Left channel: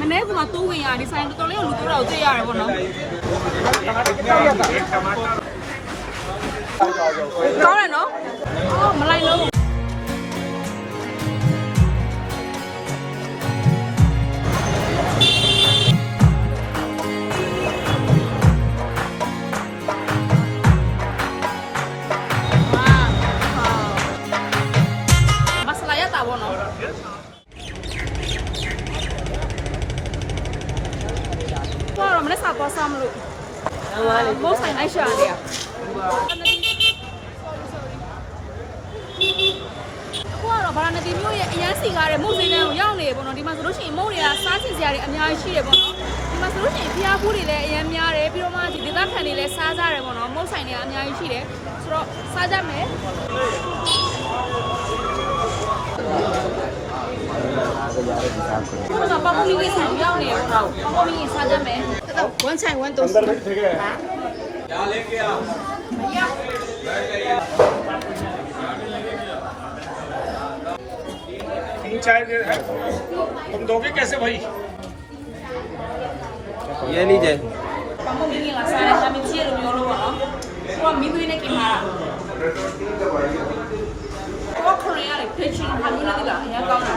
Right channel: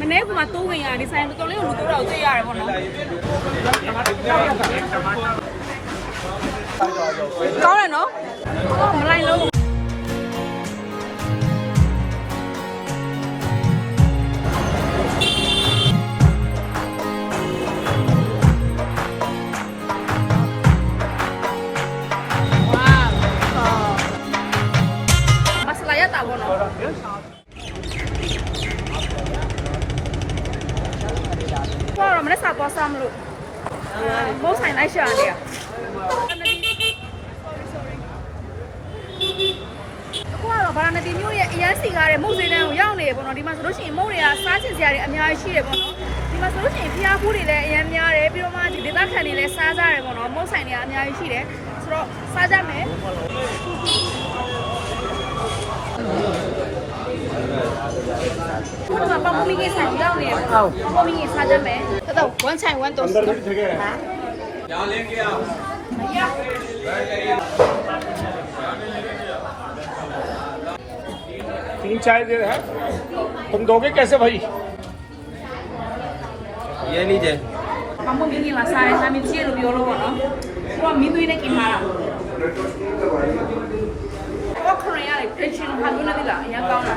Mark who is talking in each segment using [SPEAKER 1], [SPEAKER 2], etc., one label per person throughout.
[SPEAKER 1] မနေ့ကမှတိုးဝင်ရဒီဆိုင်တော်တော်လေးကိုလူတော်တော်တွေ့ရတယ်ပေါ့နော်ကောင်းတယ်နော်အော်မလိုက်လို့မဆလာရတာပေါ့နော် မနေ့စာပေါ်စားမလို့မုတ်ဆိုင်လိုက်ရှာတယ်อ่ะအခုကတော့ဗာရာဏသီမြို့ရဲ့အရန်စီကားတဲ့မုတ်စင်းတန်းကိုရောက်နေတယ်ပေါ့နော်ဒီမှာဆိုလို့ရှိရင်မုတ်တွေကစားချင်စရာတွေအများကြီးရှိတယ်ပေါ့နော်ဒီမှာဆိုလို့ရှိရင်ဖျားဖူးတွေလည်းအရန်များတယ်ပြီးတော့မှဒီဒေသခံတွေလည်းစားကြတယ်ပေါ့နော်မုတ်ဆိုင်တွေကအများကြီးရှိတယ်ဆိုတော့စားကြမယ်ခုနကပေါပမီကြီးဆိုင်ရောက်နေတယ်ပေါ့နော်ပေါပမီကြီးစားကြမယ်
[SPEAKER 2] बताओ
[SPEAKER 3] कौन सा
[SPEAKER 2] है
[SPEAKER 1] वन तो अंदर बैठ गए क्या लेंगे आप भैया तीन चार
[SPEAKER 2] देर है
[SPEAKER 1] तुम दोगे
[SPEAKER 3] कैसे भाई ये लीजिए
[SPEAKER 1] Kamu gini lah, sare sami cie lu biolo kono. Kuwa mitu ini kimara. Kuwa Korea le, Christian haguna lila, ya kau na.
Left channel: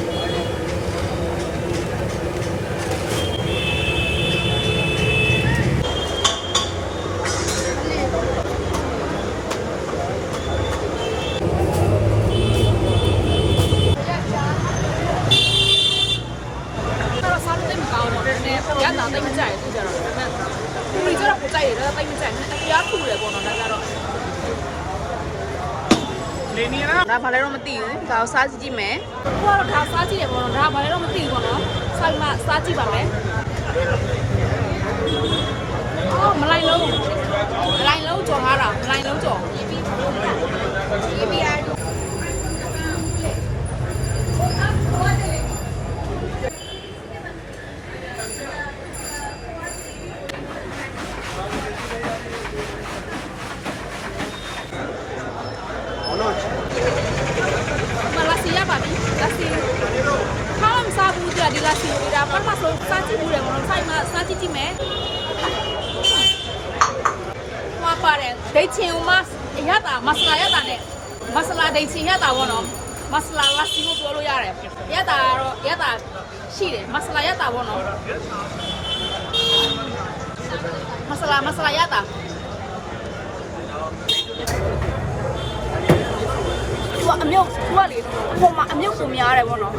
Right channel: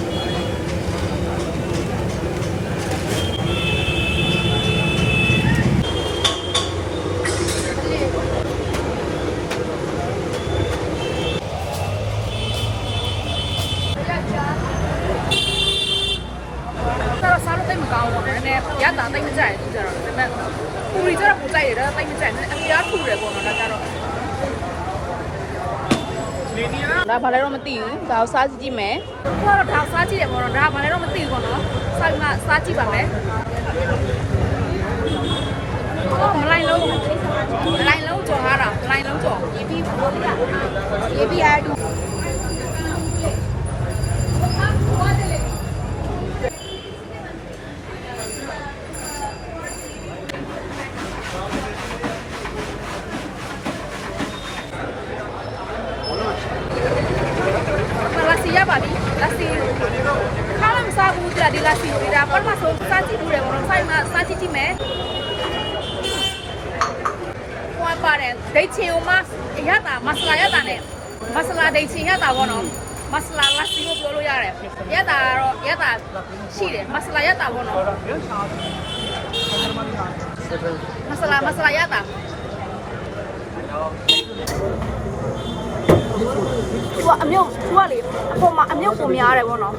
[SPEAKER 1] ဒါဘာလဲတော့မသိဘူး။ဒါကိုစားကြည့်ကြည့်မယ်။ခုကတော့ဒါစားကြည့်တယ်ပေါ့နော်။ဒါဘာလဲတော့မသိဘူးပေါ့နော်။ဆိုင်မှာစားကြည့်ပါမယ်။အော်မလိုက်လုံးမလိုက်လုံးကြော်ထားတာမလိုက်လုံးကြော်။ EP EP အား မလာစီရပါပြီလာစီခါမစားဘူးကြာဒီလာစီဒီဒါပထမဆုံးစားကြည့်ဘူးလေဘောနော်ဆိုင်မှာ စားကြည့်ကြည့်မယ်ဟွာပါတယ်ဒိတ်ချင်ဦးမရတာမဆလာရတာနဲ့မဆလာဒိတ်ချင်ရတာဘောနော်မဆလာလာစီကိုပြောလို့ရတယ်ရတာတော့ရတာရှိတယ်မဆလာရတာဘောနော်မဆလာမဆလာရတာသူကအမြုပ်သူကလေအပေါ်မှာအမြုပ်ပုံများတယ်ဗောနော်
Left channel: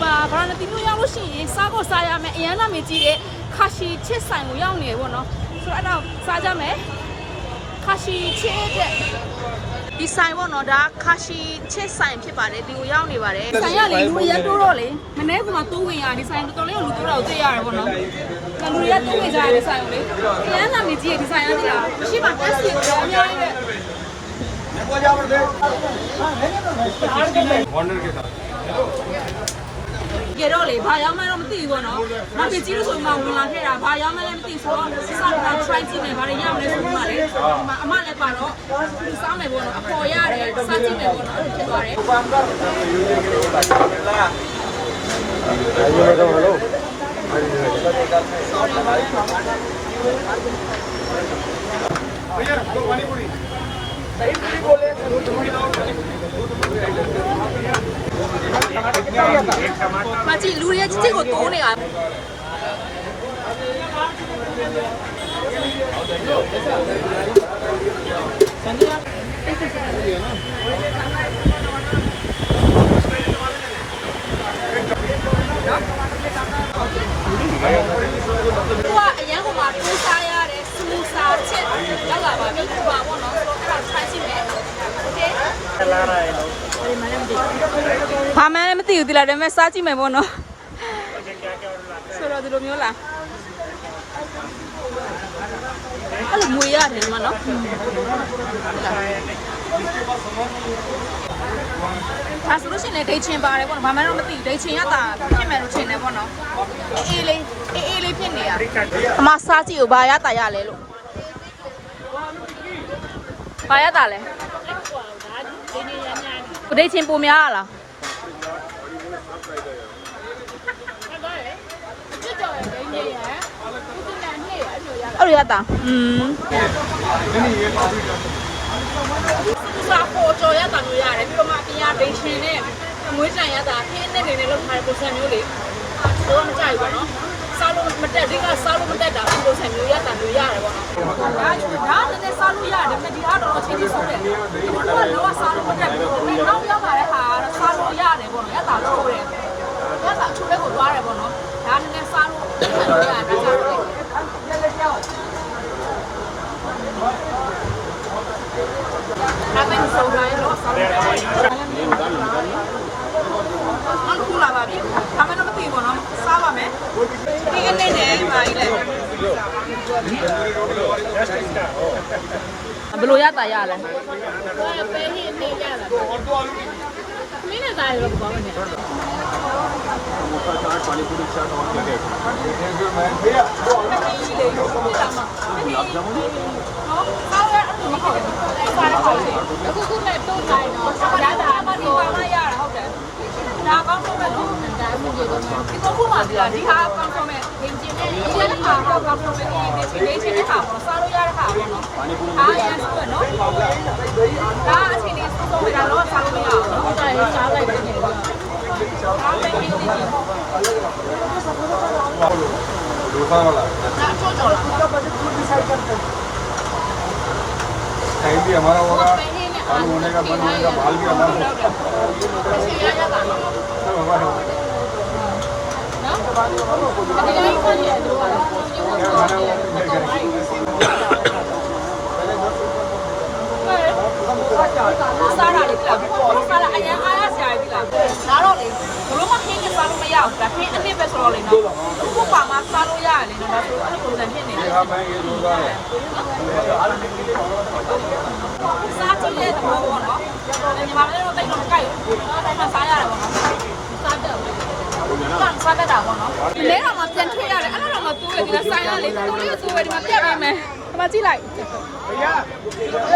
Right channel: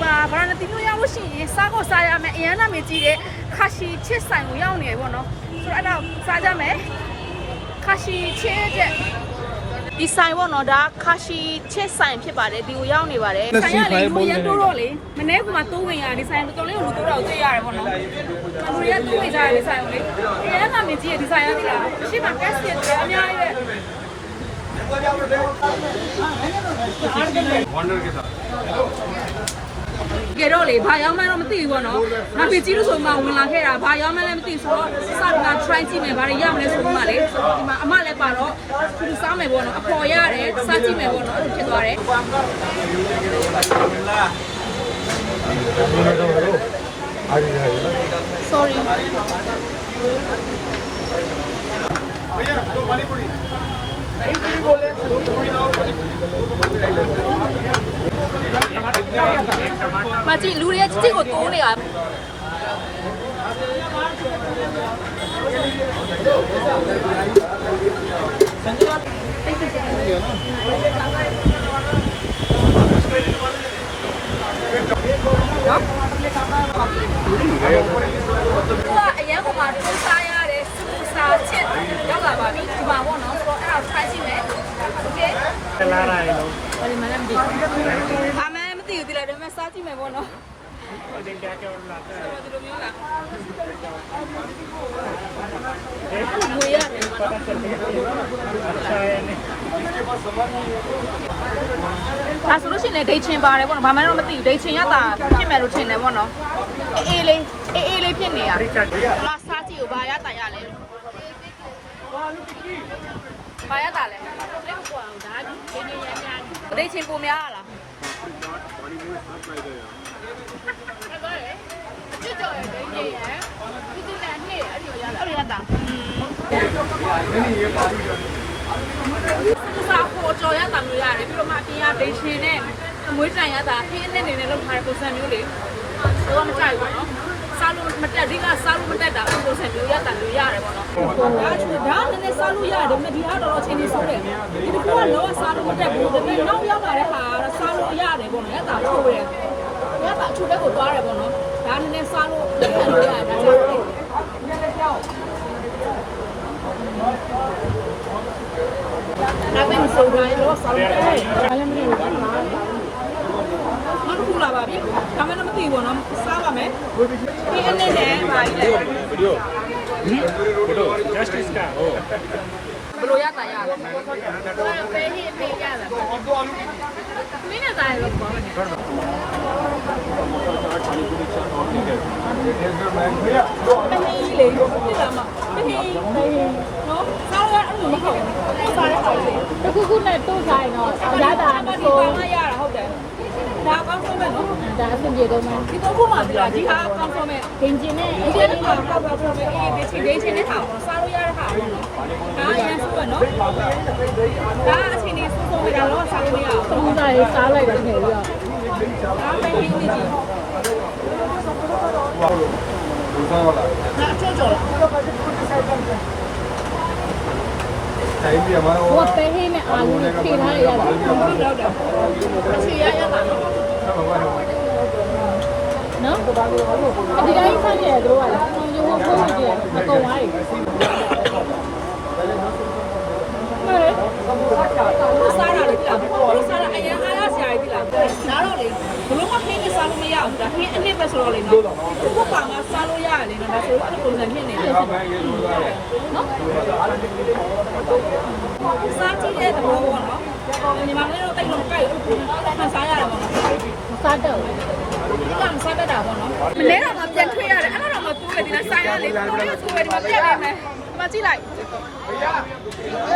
[SPEAKER 1] တော့ဒီမှာဗရာဏသီမျိုးရောက်လို့ရှိရင်စားကိုစားရမယ်အရန်နာမည်ကြီးတဲ့ခါရှီချစ်ဆိုင်ကိုရောက်နေတယ်ပေါ့နော်ဆိုတော့အဲ့ဒါစားကြမယ်ခါရှီချစ်တဲ့ဒီဆိုင်ပေါ့နော်ဒါခါရှီချစ်ဆိုင်ဖြစ်ပါတယ်ဒီကိုရောက်နေပါတယ်ဆိုင်ကလေလူရန်တိုးတော့လေမနေ့ကမှတိုးဝင်ရဒီဆိုင်တော်တော်လေးကိုလူတိုးတော့တွေ့ရတယ်ပေါ့နော်လူရတိုးဝင်ကြတယ်ဒီဆိုင်ကိုလေကျန်းလာမြကြီးဒီဆိုင်ရသေးလားရှေ့မှာတက်စီရတယ်အများကြီးပဲ
[SPEAKER 2] वॉन्डर के साथ
[SPEAKER 1] ကြတော့လေဘာရောက်မှတော့မသိဘူးပေါ့နော်။ငါပြကြည့်လို့ဆိုမှဝင်လာခဲ့တာဘာရောက်မှလည်းမသိဆိုတော့စစက try ကြည့်မယ်ဘာတွေရမလဲဆိုတော့လေဒီမှာအမလည်းပါတော့ဒီစားမယ်ပေါ့နော်အပေါ်ရတယ်စားကြည့်မယ်ပေါ့နော်အဲ့လိုဖြစ်သွားတယ်။ sorry မ ကြည့်လူတွေကချစ်ချစ်ကိုတိုးနေတာသူကအရန်ဟိုမှာတိုးစားရတယ်စမူစာချစ်ရောက်လာပါပြီဒီမှာပေါ့နော်ဆိုတော့အဲ့ဒါ try ကြည့်မယ် okay လာလာတယ်ဘာမှလည်းမသိဘူးဘာမှလည်းမသိဘူးဒီလားဒါပေမဲ့စားကြည့်မယ်ပေါ့နော်ဆိုတော့ဒီလိုမျိုးလားအဲ့လိုမွေရတယ်မနော်ဒါဆိုလို့ရှိရင်လည်းဒိတ်ချင်ပါတယ်ပေါ့နော်ဘာမှတော့မသိဘူးဒိတ်ချင်ရတာဖြစ်မယ်လို့ထင်တယ်ပေါ့နော်အေးအေးလေးအေးအေးလေးဖြစ်နေရအမစားကြည့်ကိုဘာရတာရလဲလို့ ဘာရတာလဲဒိတ်ချင်ပူများလားအဲ့လိုရတာอืมသူစားပေါ်ကြော်ရတာမျိုးရတယ်ပြီးတော့မှအပြင်ကဒိတ်ချင်နဲ့အမွေးတန်ရတာခင်းနဲ့နေနဲ့လောက်ထားတဲ့ပုံစံမျိုးလေတော့မကြိုက်ဘူးပေါ့နော်စားလို့မတက်ဒီကစားလို့မတက်တာပုံစံမျိုးရတာမျိုးရတယ်ပေါ့နော်ဒါချူဒါလည်းနဲ့ စားလို့ရတယ်ဒါပေမဲ့ဒီအားတော့အချိန်ကြီးဆိုးတယ်ဒီကလောစားလို့မတက်ဘူးဒါပေမဲ့နောက်ရောက်လာတဲ့ဟာကတော့စားလို့ရတယ်ပေါ့နော်ရတာချိုးတယ်ရတာချိုးတဲ့ကိုသွားတယ်ပေါ့နော်ဒါလည်းနဲ့စားလို့လက်ခံလို့ရတယ်ဒါကြတော့ဒါပေမဲ့စိုးတိုင်းလို့စားလို့ရတယ်နောက်တစ်ခုလာပါပြီ။ဒါမှလည်းမသိဘူးပေါ့နော်။စားပါမယ်။ဒီအနေနဲ့ပါကြီးလေ။ ဘယ်လိုရတာရလဲ။ကိုယ်ပဲဒီအမေရတာ။မင်းနဲ့တားရောပေါ့။မင်းကြီးလေဒီလာမှာမင်းကြီးနော်စားရအဲ့လိုမဟုတ်ဘူး။ကိုယ်စားရဟာလေ။အခုခုနဲ့တိုးတိုင်းတော့ရတာကိုပါလာရတာဟုတ်တယ်။ဒါ ကောင်ဆုံးမဲ့နော်ဒါအဆင်ပြေတော့မှာဒီတော့ခုမှပြလားဒီဟာကောင်ဆုံးမဲ့ပင်ကျင်နဲ့ဒီကနေ့ကောင်ကောင်ဆုံးမဲ့အေးဒီချိန်လေးချင်းနဲ့ဟာပေါ့စားလို့ရတဲ့ဟာပဲနော်ဒါအရင်ဆုံးပဲနော်ဒါအချိန်လေးဆုံးဆုံးမဲ့ဒါတော့စားလို့ရအောင်လုံးသားလေးစားလိုက်တဲ့နေပြီးတော့ဒါမဲ့ဒီနေ့ကြီးဒီကောင်လားဒါအချို့ကျော်လား Ahí mi amor ahora. လို့မခင်းနေစားလို့မရဘူးဒါခင်းအနစ်ပဲဆိုတော့လေနော်ခုပါငါစားလို့ရတယ်နော်ဒါဆိုအဲ့လိုပုံစံဖြစ်နေတယ်နော်စားကြည့်တဲ့သဘောပေါ့နော်ညီမလေးတို့တိတ်လို့မကြိုက်ဘူးမှစားရတယ်ပေါ့နော်စားတော့ကံစားတတ်တာပေါ့နော်မလဲတော့မှပြန်ထွက်ရတယ်အဲ့ဒါတော့မှ တိုးတယ်ဒီလားဆိုင်ရလေတိုးရတိုးရဒီမှာပြတ်ပေးမယ်ဒီမှာကြည့်လိုက်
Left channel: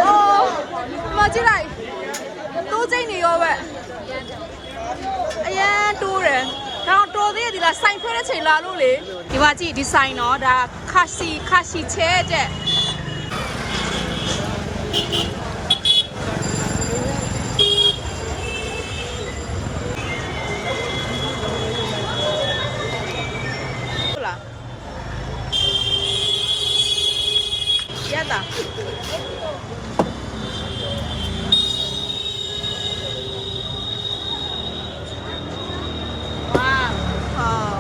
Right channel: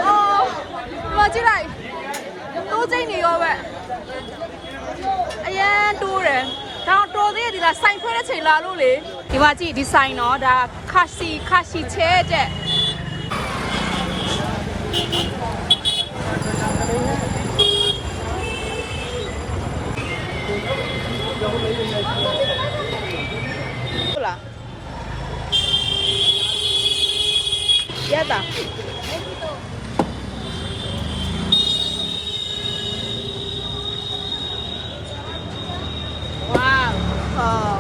[SPEAKER 1] အော်ဒီမှာကြည့်လိုက်တိုးစိမ့်နေရောပဲအရန်တိုးတယ်ဒါတော့တော်သေးတယ်ဒီလားဆိုင်ခွဲတဲ့ချိန်လာလို့လေဒီမှာကြည့်ဒီဆိုင်တော့ဒါခါစီခါစီချဲတဲ့ဟုတ် ရတာအော်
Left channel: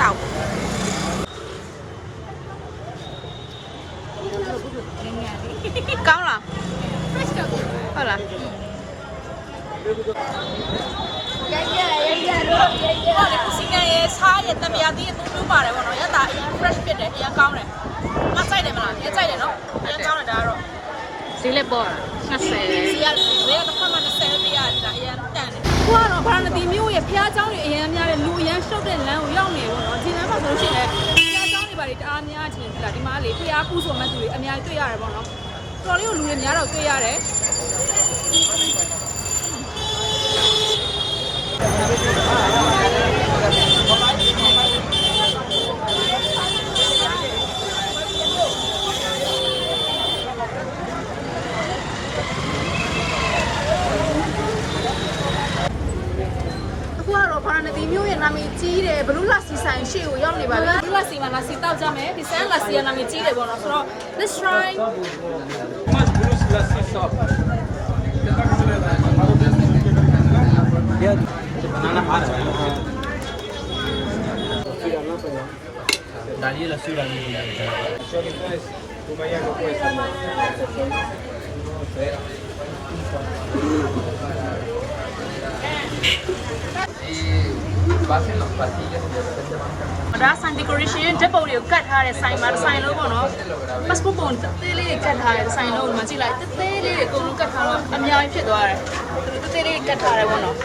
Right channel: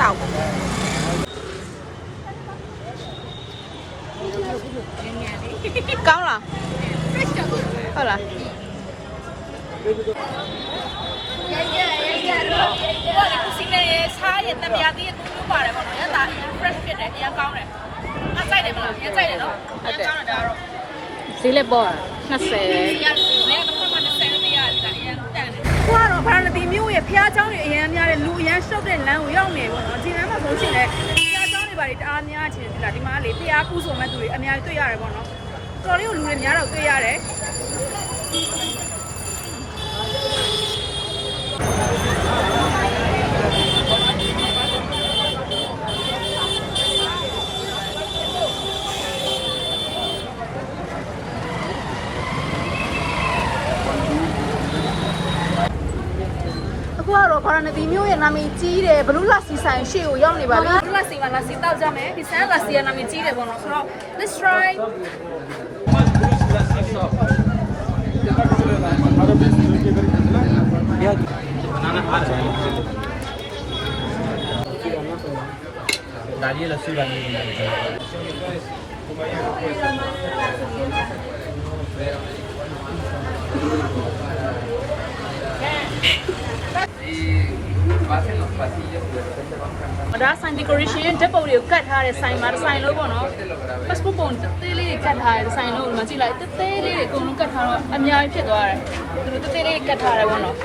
[SPEAKER 1] တောက်ကောင်းလားဟုတ်လားရိုက်ရိုက်ရိုက်ရိုက်ရိုက်ရိုက်ဟိုကလေကုစီနဲ့ရေစားရတမယာတီးရသုံးမျိုးပါတယ်ပေါ့နော်ရတာအရင် fresh ဖြစ်တယ်အရင်ကောင်းတယ် မဆိုင်တယ်မလားအရင်ကြိုက်တယ်နော်အရင်ကောင်းတယ်ဒါကတော့
[SPEAKER 4] ဈေးလက်ပေါ်တာ20
[SPEAKER 1] ဒီကလေတစ်ဖက်မှာ20ပေးရတယ်ဒါအရင်တန်တယ်ခုကတော့ဗာရဏသီမျိုးရဲ့ဖျားเจ้าတွေအရင်များတဲ့လူအရင်ရှုပ်တဲ့လမ်းကိုရောက်နေပေါ့နော်ဒီလမ်းမှာဆိုလို့ရှိရင်လည်းဖျားเจ้าတွေပါလေတအားများချင်ဒီလားဒီမှာလေဖျားကူးဆိုမဲ့သူတွေအများကြီးတွေ့ရတယ်ပေါ့နော်တော်လေးကိုလူတွေများတော့တွေ့ရတယ် မျိုးရဲ့နာမည်ကြီးတယ်ဘလူးလာစီဆိုင်ရှေ့ကိုရောက်နေပါပြီဘလူးလာစီမှာလာစီတောက်ကြမယ်ဒီဆန်လာစီရဲ့နာမည်ကြီးတယ်ပေါ့နော်ဆိုတော့ let's try
[SPEAKER 3] डालिए लस्सी डालिए
[SPEAKER 2] pasen Los pasillos y de repente van caminando.
[SPEAKER 1] ဒါဆိုင် decoration ဓာတ်ပုံတွေကိုကတ်ထားတဲ့ဆိုင်မှာဒီဆိုင်လို့ပေါ့နော် passport ပုံတသေးလေးတွေကတ်ထားတဲ့ဒီဆိုင်လို့ဒီမှာကြည့်လိုက်တသေးလေးတွေအကုန်လုံးကတ်ထားတော့အများကြီးဖြစ်သွားတယ်သူတို့တသေးလေးတွေကတ်ထားတယ်ပေါ့နော်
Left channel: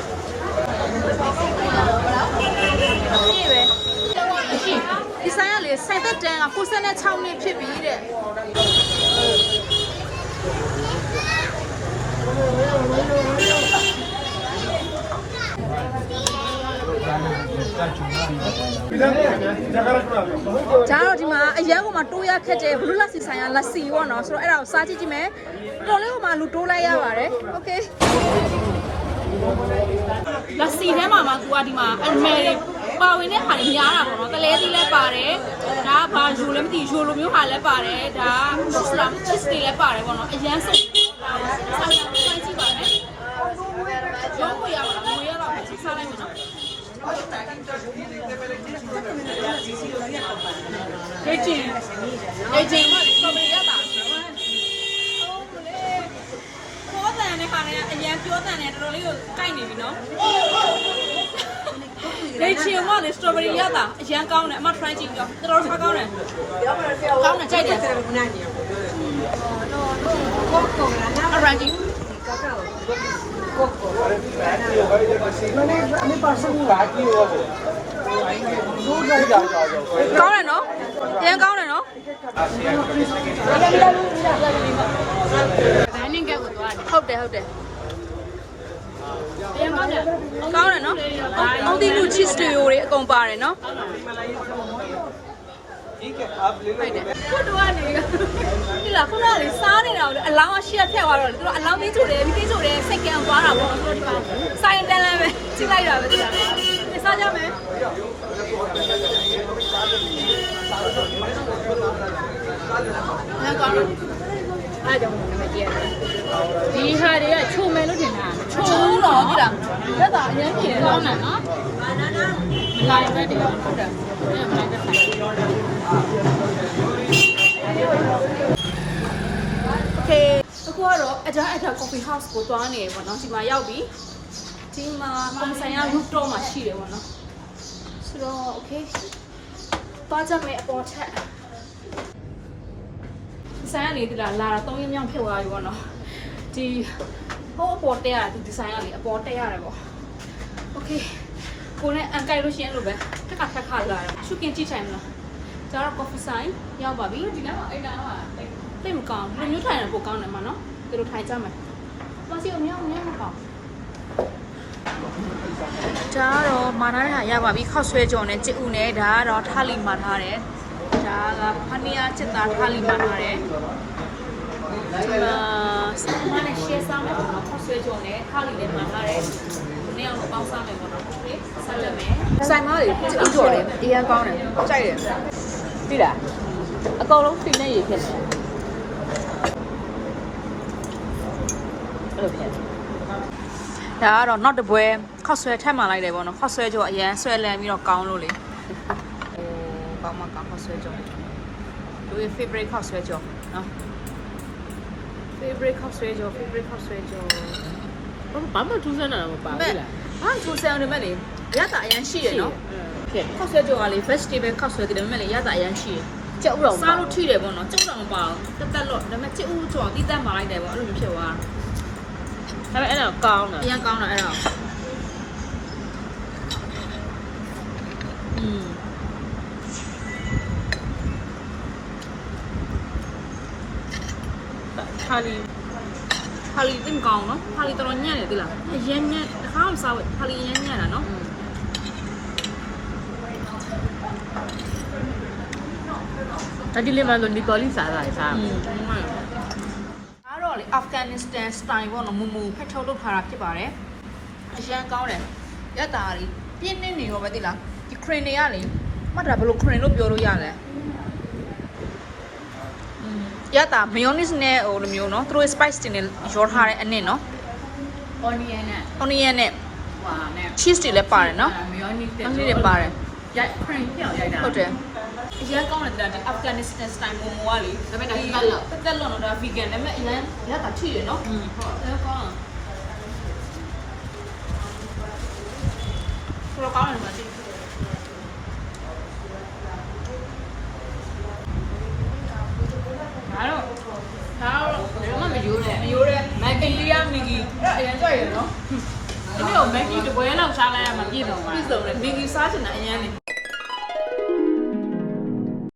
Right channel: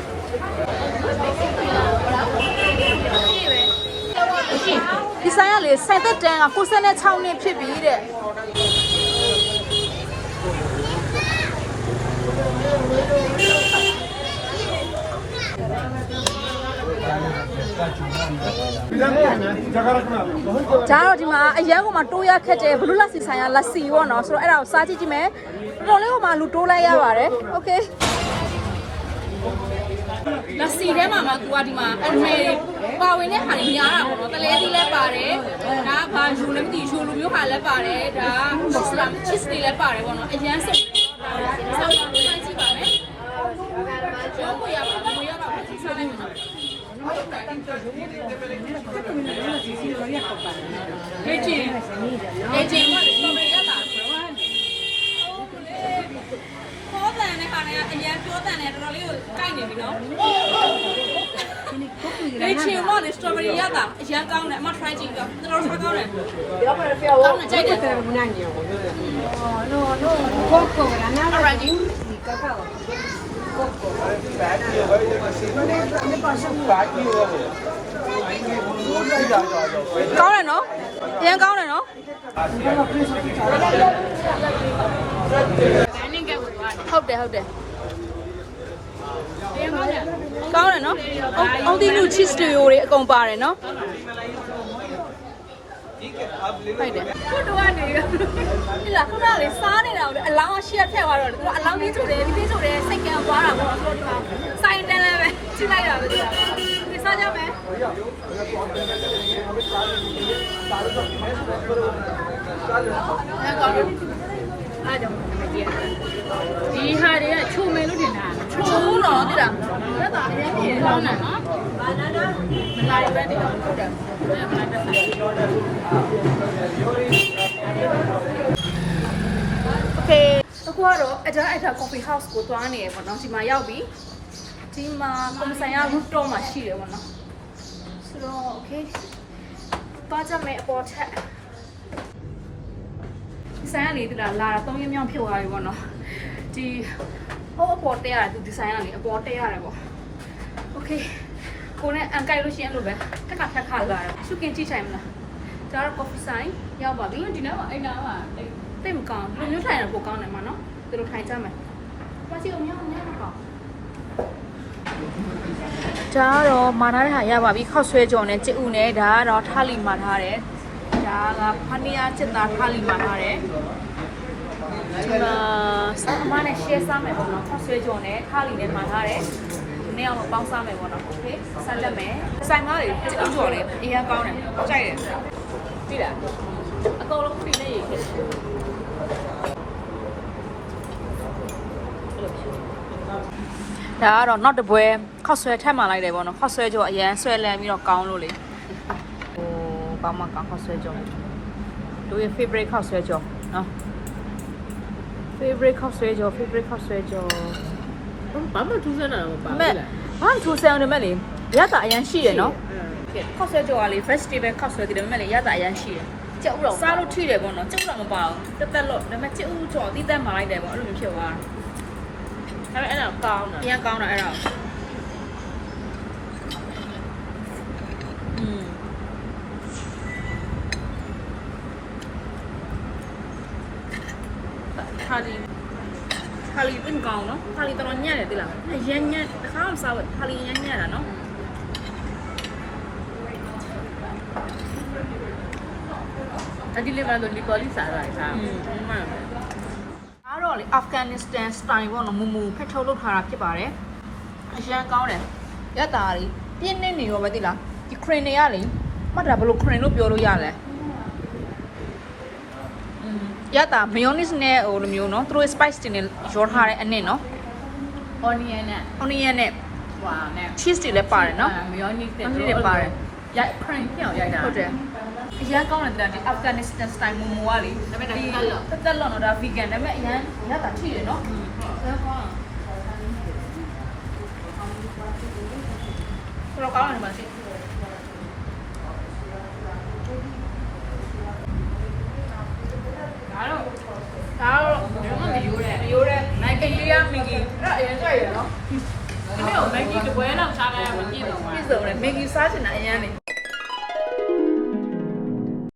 [SPEAKER 1] ဒီဆိုင်ကလေဆိုင်သက်တန်းက96နှစ်ဖြစ်ပြီတဲ့ ဒါတော့ဒီမှာအရန်ကမှတိုးရခက်တယ်ဘလူးလက်စီဆိုင်ရလက်စီပေါ့နော်ဆိုတော့အဲ့ဒါကိုစားကြည့်ကြည့်မယ်တော်လေးကမှလူတိုးလိုက်ရပါတယ်โอเคလက်စီထဲမှာမှသူကဒီမှာအမဲပါဝင်တဲ့ဟာတွေများတာပေါ့နော်တလဲသီးလည်းပါတယ်ဒါကဘာယူလည်းမသိယူလိုမျိုးဟာလည်းပါတယ်ဒါကမွတ်စလမ်ချစ်တွေလည်းပါတယ်ပေါ့နော်အရန်စိတ်စားကြည့်ပါမယ်ရောကိုရပါလားမရတော့ဘူးစားလိုက်မနော် လေ့ကျင့်လေ့ကျင့်မှလည်းစော်ရရတာခေါ်တဲ့နဲ့ခါနဲ့အရင်ပြောတဲ့နဲ့တော်တော်လေးကိုကြိုက်နေပြီနော် လေ့ကျင့်မှလည်း strawberry ရတာအရင်ကောင်းတယ်အမ try ကြည့်ကြောတော်တော်ထားကောင်းတယ်ကောင်းတယ်ကြိုက်တယ် Alright, ਜੀ ကောင်းတယ်နော်အရင်ကောင်းတယ်နော်ဟုတ်တယ်ဟုတ်တယ် ကောင်းတယ်နော်အောင်တီနု cheese တွေအကုန်ပါတယ်နော်ဟုတ်တယ်ခုတော့ကနေဒီလားခုနကလေစားနေတာကိုလေအလောင်းရှိရထက်သွားတော့လေသူတို့အလောင်းကြီးချိုတယ်ပြီးသိချိုတယ်စိတ်ကံသွားတာပေါ့ဆိုတော့ဒီမှာစိုင်းတန်းလန်းပဲကြည့်လိုက်တာပဲဒီလားဒီစားကြမယ်
[SPEAKER 4] ဒီဟာတွေကချုံမယ်လို့ထင်တာ
[SPEAKER 1] ချိုးတော့တိလားအဲ့ဒါအရင်ပြေ
[SPEAKER 4] ကောင်းတာနော်ဘာနာနာလာပဲတည်းဟုတ်တယ်
[SPEAKER 1] โอเคအခုကတော့အကြမ်းအကြ coffee house ကိုသွားနေရပေါ့နော်ဒီမှာရောက်ပြီဒီမှာကွန်မဆိုင်က rooftop မှာရှိတယ်ပေါ့နော်ဆိုတော့ okay သွားကြမယ်အပေါ်ထက်ဆိုင်ကနေတလားလာတာ၃ရက်မြောက်ဖြစ်သွားပြီပေါ့နော်ဒီ ဟိုအပေါ်တက်ရတာဒီဒီဇိုင်းကနေအပေါ်တက်ရတယ်ပေါ့ okay ကိုနဲ့အန်ကိုက်လို့ရှိရင်အဲ့လိုပဲထက်ကထက်ခါလာတာရှုကင်ကြည့်ထိုင်မလားကျတော့ coffee ဆိုင်ရောက်ပါပြီဒီနေ့တော့အိမ်ကတော့တိတ်မကောင်းဘူးမျိုးထိုင်ရပိုကောင်းတယ်မှာနော်သူတို့ထိုင်ကြမယ်ဘာစီအောင်ညောင်းနေမကောင်းဒါကတော့မာနာတဲ့ဟာရပါပြီခောက်ဆွဲကြော်နဲ့စစ်ဥနဲ့ဒါကတော့ထားလီမာထားတယ်ဒါကဖနီယာစစ်သားထားလီမာထားတယ် ဒီမှာဆောင်းအမနဲ့ share စားမယ်ပေါ့နော်ခေါက်ဆွဲကြုံနဲ့ခါလီနဲ့မှာထားတယ်နေ့အောင်ပေါင်းစားမယ်ပေါ့နော်ဆက်လက်မယ်ဆိုင်မတွေတူကြော်လေးအရင်ကောင်းတယ်ကြိုက်တယ်ပြီးလားအကောင်လုံးဖိနေရေဖြစ်တယ်ဒါကတော့နောက်တစ်ပွဲခောက်ဆွဲထပ်မှလိုက်တယ်ပေါ့နော်ခောက်ဆွဲကြောအရန်ဆွဲလန်းပြီးတော့ကောင်းလို့လေဟိုကောင်းမကောင်းခောက်ဆွဲကြောတို့ရဲ့ favorite ခောက်ဆွဲကြောနော် favorite ခောက်ဆွဲကြော favorite ခောက်ဆွဲကြော
[SPEAKER 4] ဘာမှထူးဆန်းတာတော့မပါ
[SPEAKER 1] မဲ့
[SPEAKER 4] ဘူးလား
[SPEAKER 1] ဘာမှထူဆန်းတယ်မဲ့လေရတာအရန်ရှိတယ်နော်
[SPEAKER 4] ဖြစ်
[SPEAKER 1] ခောက်ဆွဲကြောကလေ vegetable ခောက်ဆွဲတယ်ဒါပေမဲ့လေရတာအရန်ရှိတယ်
[SPEAKER 4] ကြောက်တော့
[SPEAKER 1] စားလို့ထိတယ်ပေါ့နော်ကျုပ်တော့မပါဘူးတက်တက်လို့ဒါပေမဲ့ကျုပ်ကြောတိတက်မှလိုက်တယ်ပေါ့အဲ့လိုမျိုးဖြစ်သွားတာ
[SPEAKER 4] အဲ့အဲ့တော့ကောင်းတယ်
[SPEAKER 1] အရင်ကောင်းတာအဲ့ဒါอืม
[SPEAKER 4] ချာလီ
[SPEAKER 1] ချာလီတင်ကောင်းနော်ချာလီတော်တော်ညံ့တယ်တိလားရမ်းညံ့တခါမှစားဝဲချာလီရမ်းညံ့တာနော်
[SPEAKER 4] အဲ့ဒီလေးမှလို့နီကောလီစားတာလေစား
[SPEAKER 1] อืมမှန်ပါတော့လေအာဖဂန်နစ္စတန်စတိုင်ပေါ့နော်မူမူဖက်ထုတ်လုပ်ထားတာဖြစ်ပါတယ်အရန်ကောင်းတယ်ရတာလေးပြင်းနေနေရောပဲသိလားဒီခရင်တွေကလေမှတ်တာဘယ်လိုခရင်လို့ပြောလို့ရလဲ ရတာ mayonnaise နဲ့ဟိုလိုမျိုးနော်သူတို့ spice တင်နေရောထားတဲ့အနစ်နော်
[SPEAKER 4] onion နဲ့
[SPEAKER 1] onion နဲ့
[SPEAKER 4] ဟွာနဲ့
[SPEAKER 1] cheese တွေလည်းပါတယ်နော်
[SPEAKER 4] mayonnaise
[SPEAKER 1] တွေလည်းပါတယ်
[SPEAKER 4] ရိုက် crunch ပြောက်ရိုက်တာ
[SPEAKER 1] ဟုတ်တယ်အရန်ကောင်းတယ်ဒီ Afghanistan style momo ကလေဒါပေမဲ့တက်တက်လွန်တော့ဒါ vegan ဒါပေမဲ့အရန်ရတာထိရနော်ဟုတ်ကောင်းတော့ကောင်းတယ်ပါ
[SPEAKER 4] ရိုးတယ်
[SPEAKER 1] မရိုးတဲ့မိုက်ကလေးကမီဂီအဲ့ဒါအရန်ကြိုက်ရနော်
[SPEAKER 4] ဒီနေ့ကိုမက်ဂီတပွဲလောက်စားလိုက်ရမှာပြည့်စုံပါ
[SPEAKER 1] ပြည့်စုံတယ်မီဂီစားချင်တာအရန်လေ